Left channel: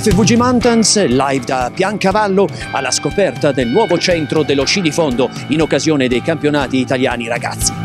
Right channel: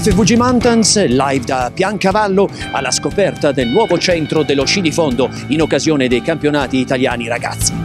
FVG Mountains, live da Piancavallo, alla scoperta del nuovo centro dello sci di fondo in occasione dei campionati italiani ragazzi.